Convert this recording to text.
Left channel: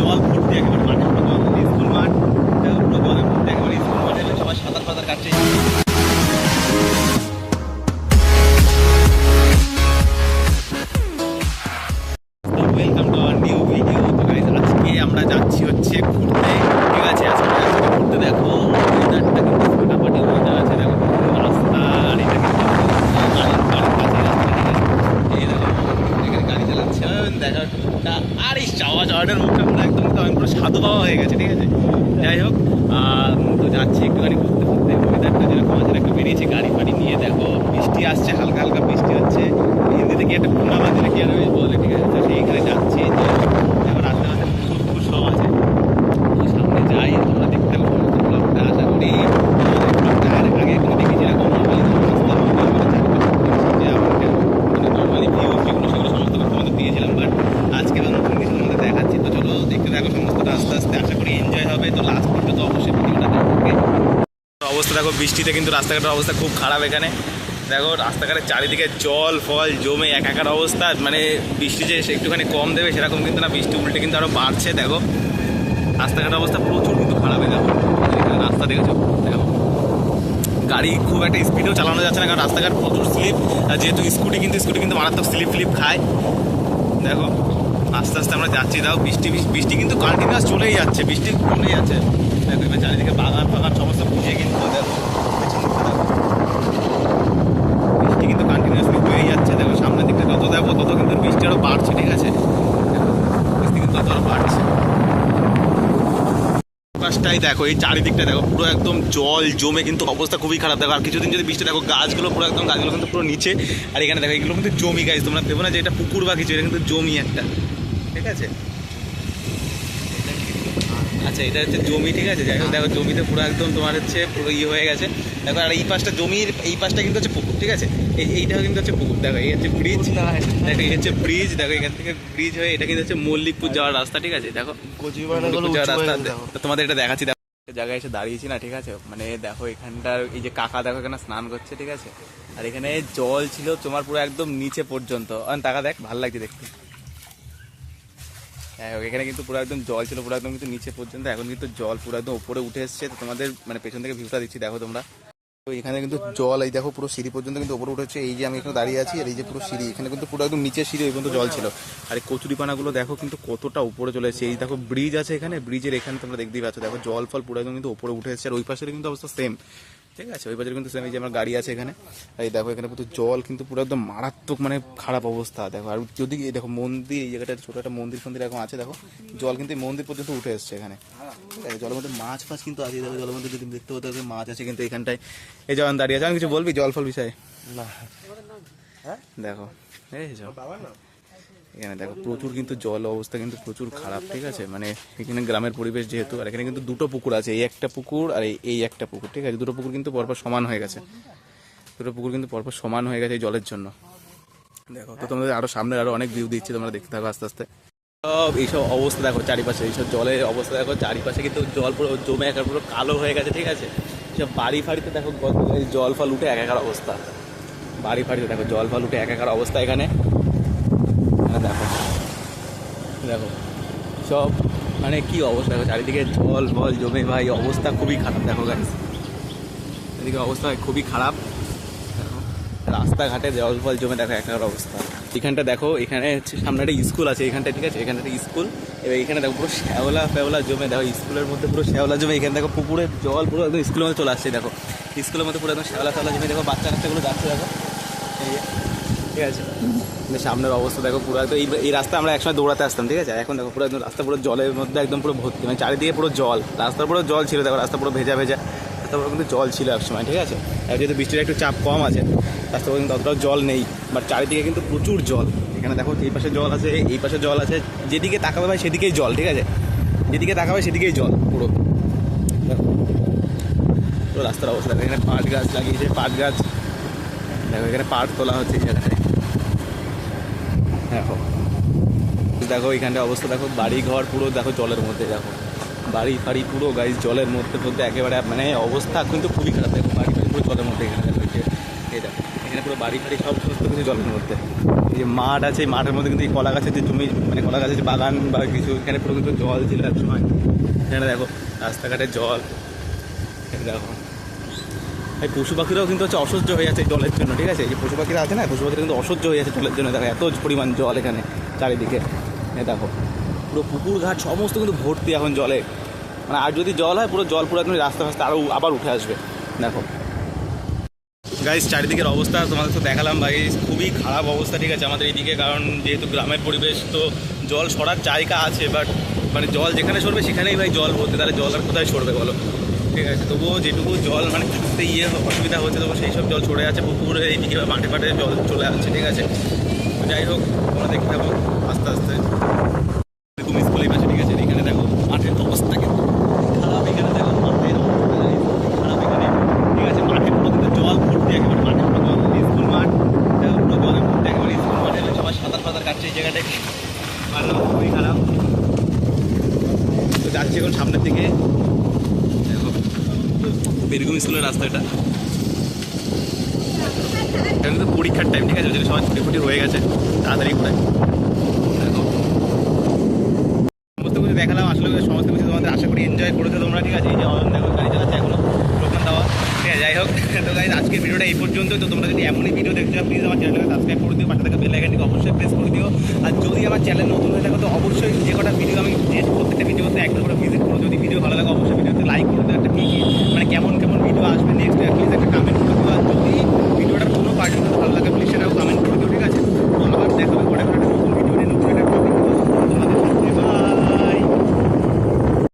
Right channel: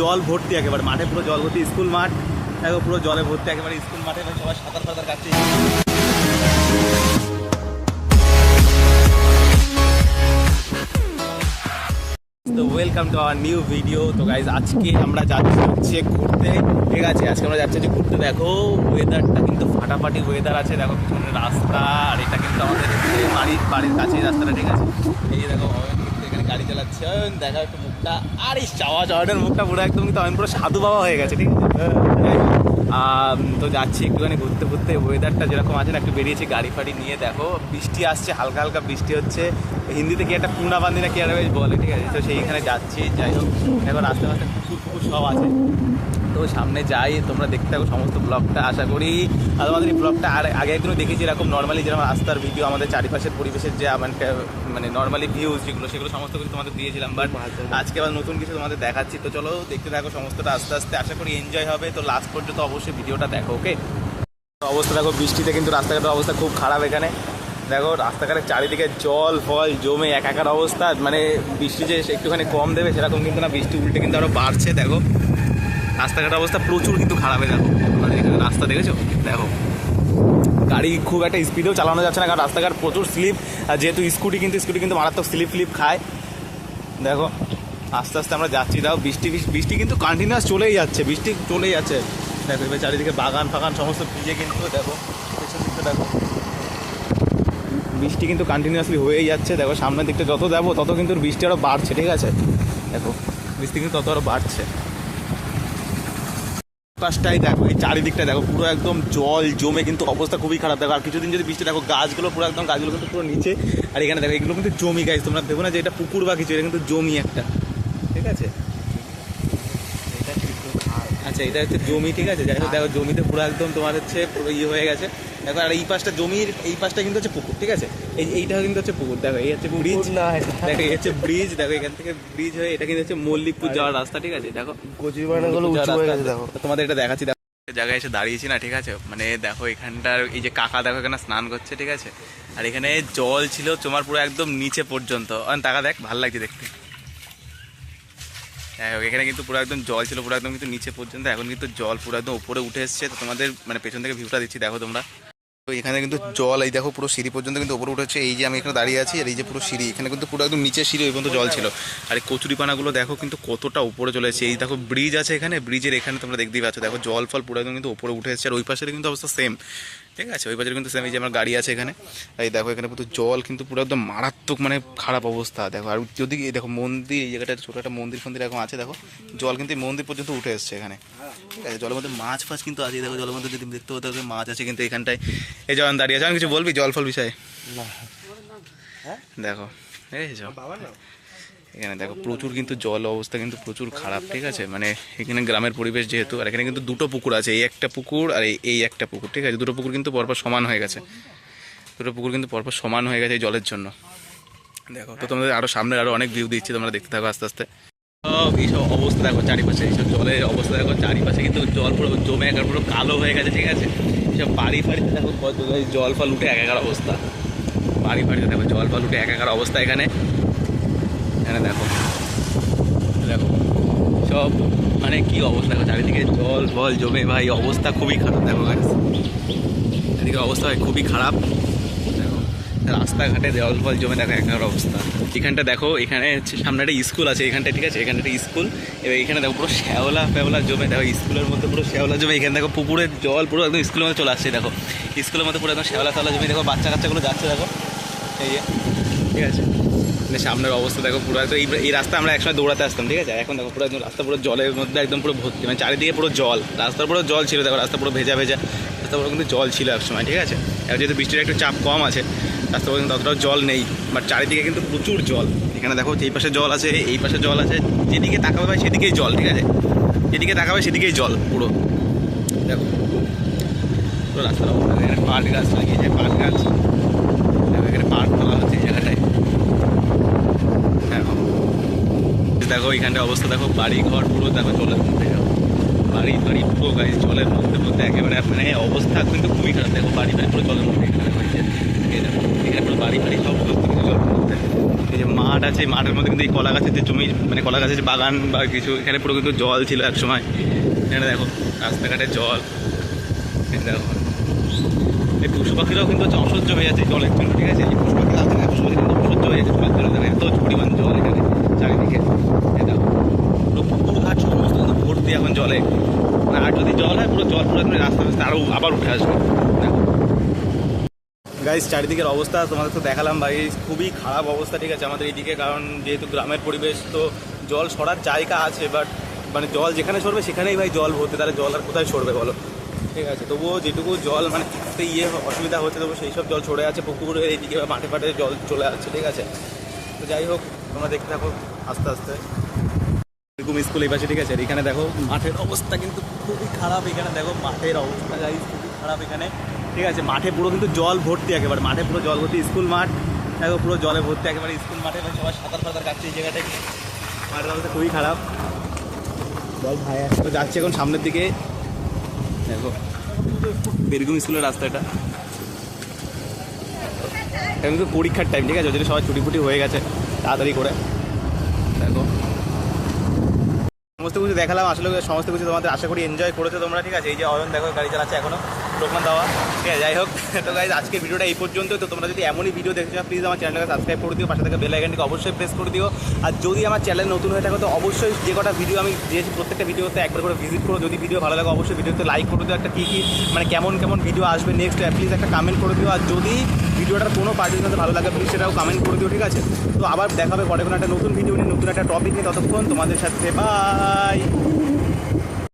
জল ভর্তি একেবারে মাঠে পুরো জল ভর্তি, স্কুল মাঠ। দেখো পুরো জলে ভর্তি একেবারে স্কুল মাঠে সবাই সাঁতার ফাতার কাটছে। Welcome to our new video তো গাইজ আজকে আমরা যাচ্ছি হচ্ছে ঘুরতে। ঠিক আছে, আজকে আমরা যাচ্ছি হচ্ছে ঘুরতে। দেখো ওয়েদারটা কিন্তু ফাটাফাটি ওয়েদার আছে। দেখো রাস্তা, আর এটা কিন্তু আমাদের বাড়ির বাড়ির কাছেই রাস্তাটা ঠিক আছে এই দেখো এখানে গাড়ি একটু মুখটা আর এই চাওয়া চাওয়াটার মুখটা পুরো একদম কিন্তু আমি পুরো সাধু বাবা হয়ে গেছে ঠিক আছে? যাই হোক তো যাচ্ছি একটুখানি ঘুরতে ঘুরতে ওয়েদারটা যেরকম আছে না একটু বেরিয়েছি গাড়ি ফাড়ি নিয়ে দেখো বৃষ্টি আসছে হালকা হালকা বৃষ্টি হচ্ছে। হিন্দিতে কি একটা পূর্ণাবান্দি না কি আর বেশ বলে ঠিক আছে? তো সেইখানে যাচ্ছি যাই হোক। দেখো রাস্তা রাস্তা ফুল ফুল সব আছে। তো সামনে যাই তোমরা দেখতে থাকো সমস্ত ব্লগটা আশা করি আমাদের ব্লগটা আর আগে একটু দেখেছি এরকম নর্মালি যেরকম রাস্তার ভিডিও আমাদের চারিপাশে পরিবেশের যে আমাদের মানে নর্মালি ভিউজ যেগুলো সেগুলো দিয়েছিলাম বাট আজকে আবার নতুন কিছু তোমাদের দেখাচ্ছি। তো চলো দেখতে থাকো, সমস্তটা আস্তে আস্তে আশা করি এনজয় হবে। তো লাস্ট পর্যন্ত অবশ্যই ভিডিওটা দেখো ওকে অবস্থা দেখো, বৃষ্টিতে কিন্তু রাস্তাঘাটের অবস্থা খুব খারাপ এখানে। দেখো, রাস্তাঘাটের চারিদিকে জল, ফল জমে একাকার অবস্থা। মানে বৃষ্টি যে একটুখানি কম দেবে, সেরকম কিন্তু না, বৃষ্টি উল্টে কিন্তু আরও বাড়ছে, দেখো। রাস্তাঘাটের অবস্থা প্রচুর কিন্তু খারাপ হয়ে দেখো। আমাদের এখানে রাস্তা দেখেছ? দেখো। গাড়ি খুব একটা স্পিডেও চালানো যাচ্ছে না, কারণ রাস্তাঘাট প্রচুর স্লিপ। যেহেতু স্কুটি কিন্তু স্কুটি কিন্তু মারাত্মক স্লিপ ফ্লিপ খায়। দেখো, আস্তে আস্তে আমরা যাচ্ছি। দাও বৃষ্টি, বৃষ্টি- কিন্তু কন্টিনিউয়াস চলেই যাচ্ছে, বৃষ্টি চলেই যাচ্ছে। দেখো, এবার চারিদিকে বাগান ফাগান সমস্ত ভিজে কিন্তু দেখো। বৃষ্টি কিন্তু কন্টিনিউয়াসলি হয়েই যাচ্ছে। দেখো, সামনের দিকটা যত দেবো তত কিন্তু বৃষ্টি আরও বাড়ছে, ঠিক আছে? বৃষ্টি কিন্তু তত আরও বাড়ছে। আকাশটাই দেখো, এই চারিদিকটা দেখো, পুরো একদম জল জমে কিন্তু অবস্থা খুবই খারাপ। দেখো, আর কিছুদিন যদি বৃষ্টি, দেখো, গাছগুলো পুরো একদম, গাছগুলো কিন্তু পুরো নিচে। আর এখানে দেখো, এগুলো কিন্তু জমি গাছ তোমরা ভেবো না যে এটা পুকুর বা কিছু, এটা কিন্তু জমি একটা। ঠিক আছে? আচ্ছা এটা হচ্ছে জমি, ঠিক আছে? যাই হোক, দেখো, জমিতে পুরো একদম তোমার হচ্ছে পুরো ইয়ে হয়ে গেছে। দেখো আর এই পাশটা জমির এই পাশটা কিন্তু হচ্ছে পুকুর ঠিক আছে? এই এইটাও কিন্তু হচ্ছে পুকুর দেখো এই হচ্ছে ব্রিজ দেখো এই হচ্ছে ব্রিজ দেখো এখান থেকে ব্রিজ হয়ে এটা কিন্তু হচ্ছে মল্লিকপুর যাওয়ার রাস্তা ঠিক আছে? দেখো মল্লিকপুর যাওয়ার রাস্তা তোমাদের এটা দেখাচ্ছি দেখো জায়গায় এসে দাঁড়িয়েছি না ঠিক আছে? মানে দেখো এখানটার এই যে কাকা দেখো এখানে স্নান করছে ঠিক আছে? আর এখানে জল ছিল তোমার পুরো একদম নিচে পর্যন্ত। টাকা দেখ ভালো লাগছে দেখতে। হোক এখানে কিন্তু পুরো একদম জল ছিল পুরো একদম কিন্তু নিচে পর্যন্ত। এখন কিন্তু জল পুরো একদম উপরে উঠে এসছে। তো তোমাদের মানে পেছন থেকে ভিউটা দিচ্ছি দেখো তোমরা। তো এখানে কিন্তু জল, এই দেখো পুরো সিঁড়ি পর্যন্ত কিন্তু উপরে উঠেছে। এই যে আমি এখানে দাঁড়িয়ে আছি, আর এই যে পুরো সিঁড়ি, এখানে কিন্তু পুরো একদম নিচে সিঁড়ি ওই পর্যন্ত জল ছিল। আর এই কচুরিপানাগুলো দেখো কিন্তু কতটা উপরে চলে এসেছে। এই দেখো ব্রিজ আছে এখানে ব্রিজের এখানে তোমরা দেখতেই পাচ্ছ। দেখো জল ফল পুরো একদম কিন্তু উপরে উঠে এসেছে, আর ওই পাশে কিন্তু অবস্থা সেম ঠিক আছে ওই পাশের কিন্তু সেম এই যে আমার গাড়ি আছে এখানে। এই দেখো এখানে পুরো জল কিন্তু পুরো একদম মারাত্মক মানে খারাপ অবস্থা। দেখো আর যদি এই দেখো মন্দির এই জায়গাটা ছোটো একটা মন্দির ফন্দির এখন আছে দেখো জল কিন্তু এই মন্দির পর্যন্ত উঠে এসছে এখানে। ঠিক আছে জলের মধ্যে মাছ ফাছ কিন্তু আছে দেখো জলের মধ্যে যদি দেখতে হতে মাছ আছে কিন্তু এখানটায়। এই জল দাঁড়িয়ে আছে আমি কিছু বলবি? জল ফল বিষয়ে? দেখো দেখেছ এখানে দেখো প্রচুর কিন্তু জল অবস্থা কিন্তু প্রচুর খারাপ, ঠিক আছে? মানে এখানে গ্রামের পরিবেশ যেহেতু, আর এখানে কিন্তু দুটো পুকুর আছে, এই একটা পুকুর আর এই- একটা পুকুর, ঠিক আছে? দুটো পুকুর কিন্তু পরপর সমান হয়ে গেছে। দুটো পুকুর কিন্তু পরপর সমান হয়ে গেছে এই জলের জন্য। দেখো, তো তোমাদের আরও সামনে আরও অনেক ভিউ দিচ্ছি, তোমরা দেখতে থাকো আস্তে আস্তে। সব এইসব অবস্থা দেখো চারিপাশে, এইসব জলের অবস্থা দেখো চারিপাশে কিন্তু জল পুরো জমে একার পুরো কালো হয়ে গেছে, ঠিক আছে? সব বাড়ি ফাড়িতে দেখো জল ফল উঠে একাকার অবস্থা। বাড়ি ফাড়িতে দেখো জল ফল উঠে একাকার অবস্থা এখানে। এখানে দেখো। দেখো, সব মানে কি অবস্থা? দেখো, চারিদিকে জল ফল জমে। ভাই, অবস্থা খুবই খারাপ, দেখো গাইস এদিকে অবস্থা খুবই খারাপ। দেখো, রাস্তাঘাটে জল ফল জমে, দেখো একাকার অবস্থা। এখানটা দেখো, এখানে হচ্ছে সামনে একটা স্কুল আছে এখানটা ঠিক আছে? এখানে একটা স্কুল। এবার এখানে দেখো, পুরো শ্যাওলা ফ্যাওলা জমে। দেখো, স্কুলের মধ্যে পুরো শ্যাওলা জমে। এখানে দেখো পুকুরের জল পুরো একদম স্কুলের মধ্যে চলে আসছে, দেখো। স্কুলের মধ্যে পুরো একদম শ্যাওলা ফ্যাওলা জমে। দেখো বাচ্চা কাচ্চাগুলো যাচ্ছে, দেখো। ঠিক আছে? মানে সামনের অবস্থা দেখো পুরো একদম এই- রাস্তা আমরা একসময় দৌড়াতে আসতাম, ঠিক আছে? এখন দেখো পুরো একদম রাস্তা পুরো জলের মধ্যে একদম পুরো ভর্তি মানে চারিদিকে পুরো জল। রাস্তার পুরো জল ছিল, দেখো রাস্তা পুরো ভেজা ভেজা, রাস্তা পুরো কিন্তু জল ছিল এক সময় ঠিক আছে? এবার যেহেতু বৃষ্টির একটু চাপ কম আছে, রাস্তা পুরো কিন্তু অতটাও জল নেই বাট চারিদিকে কিন্তু প্রচুর জল। এখানে দেখো এই পাশে জল আছে, এই পাশে জল আছে, যেদিকে তাকাবে ভাই সেদিকেই জল, ঠিক আছে? যেদিকে তাকাবে সেদিকেই জল পুরো। দেখো, পুরো রাস্তার অবস্থা, এখানে পাট গাছ লাগিয়েছে, পাট গাছ। এখানে পাট তোলা হচ্ছে এই জায়গাটায়। দেখো এখানটা অবস্থা দেখো বাড়ি ঘর পুরো দেখো জলের মধ্যে, দেখো। বাড়ি ফাড়ি পুরো গাড়ি জলের মধ্যে মধ্যে একেবারে মানে অবস্থা কিন্তু খুবই খারাপ। দেখো, বাড়ি ফাড়ি পুরো জলের মধ্যে এখানে দেখো, এই দেখো, এখানে পুরো বাড়ি ফাড়ি সব সমস্ত কিছু জলের মধ্যে। এই যে মাঠ আছে মাঠের মধ্যে কিন্তু এই কলা গাছের যে জমি মানে কলা গাছের যে বাগান বা কিছু, এখানে পুরো কিন্তু জল ছিল এক সময় এখানে দেখো, রাস্তাঘাটে জল। দেখো এই পশু পাখিরাও কিন্তু হচ্ছে অসহ্য হয়ে যাচ্ছে জলের জন্য, ঠিক আছে? এই পশু পাখিরা আছে না পশু পাখিরা কিন্তু অসহ্য হয়ে যাচ্ছে জলের জন্য। দেখো, এত পরিমাণ জল এখানে, চারিদিকে। দেখো, পুরো পুকুর ঘাট সমস্ত কিন্তু ভর্তি এখন জলে। মানে আর যদি জল হয়, পুরো জল পুরো রাস্তা রাস্তা আরও আবার উঠে আসবে। দেখো। গাইজ চারিদিকের অবস্থা তোমাদের তো দেখালাম, ভাই। খুবই খারাপ অবস্থা, ঠিক আছে, আমাদের এইদিকে। কারণ যেহেতু গ্রামের পরিবেশ, তো জল সরার জায়গা আছে বাট মানে জল যেখানে সরবে, সেখানেই ভাই জল ভর্তি। তাহলে জল আর কোথায় সরবে বলো? ঠিক আছে, তবুও যেটুকু জল মানে থাকতে ইয়ে অসুবিধা হচ্ছে তবু সেই সব জল ছড়ে আছে, পুকুরে এইদিকে বা মাঠে ফাটে জল চলে আসছে, ঠিক আছে। তো যাই হোক, তোমরা দেখতে থাকো আস্তে আস্তে। এরকম স্কুল এই পাশে, ঠিক আছে এখানে দেখো মাঠের অবস্থা কিন্তু খুবই খারাপ, এখানে দেখো মাঠের অবস্থা খারাপ এখানে, ঠিক আছে। মাঠে পুরো কিন্তু জল ভর্তি একেবারে, মাঠে পুরো জল ভর্তি স্কুল মাঠ, দেখো পুরো জলে ভর্তি একেবারে স্কুল মাঠে সবাই সাঁতার ফাতার কাটছে এই জায়গাটায় মাঠের খুবই খারাপ। তো যাচ্ছি এখন সামনের দিকে। দেখো। বীরভূম স্কুলের রাস্তা এটা। এখন কিন্তু পরীক্ষার টাইম ঠিক আছে? ওই জন্য সবাই ছুটি ফুটি হয়ে গেছে, তাড়াতাড়ি করে। সমস্ত কিছু দেখালাম। আসলে সমস্ত কিছু তোমাদের আশা করি এনজয় করেছ তোমরা, ঠিক আছে? এই যে অরণ দেখো গাড়ি চালাচ্ছে এখনও টোকন দেওয়া ঠিক আছে, যাই হোক। তো গাইজ আজকের ভিডিওটা এই পর্যন্ত। তো তোমরা যদি এমনই ভিডিও দেখছ প্লিজ আমার চ্যানেলটাকে সাবস্ক্রাইব করে দিও, পাশে থেকে বেল আইকনটিকে অবশ্যই প্রেস করে দিও। আর যদি আমার চ্যানেল নতুন হয়ে থাকে, তো অবশ্যই যে কটা ভিডিও আমি যে প্রত্যেকটা ভিডিওতে একবার করে ভিজিট করো। যদি ভিডিও ভালো লাগে, অবশ্যই ভিডিওতে লাইক করে দিও। একটা কী কী মানে কেমন কেমন ভিডিও আসবে নেক্সট প্লিজ একটা কমেন্ট করে দিও। আর যদি ভিডিওটার কোনো পার্টির সাথে ভালো লাগে প্লিজ সেটাও কমেন্ট করে দিও, ঠিক আছে? তো আবার দেখাবে পরে কোনো একটা নতুন ভিডিও নিয়ে একটা টপিক ততক্ষণ তোমাদের সাথে। বাই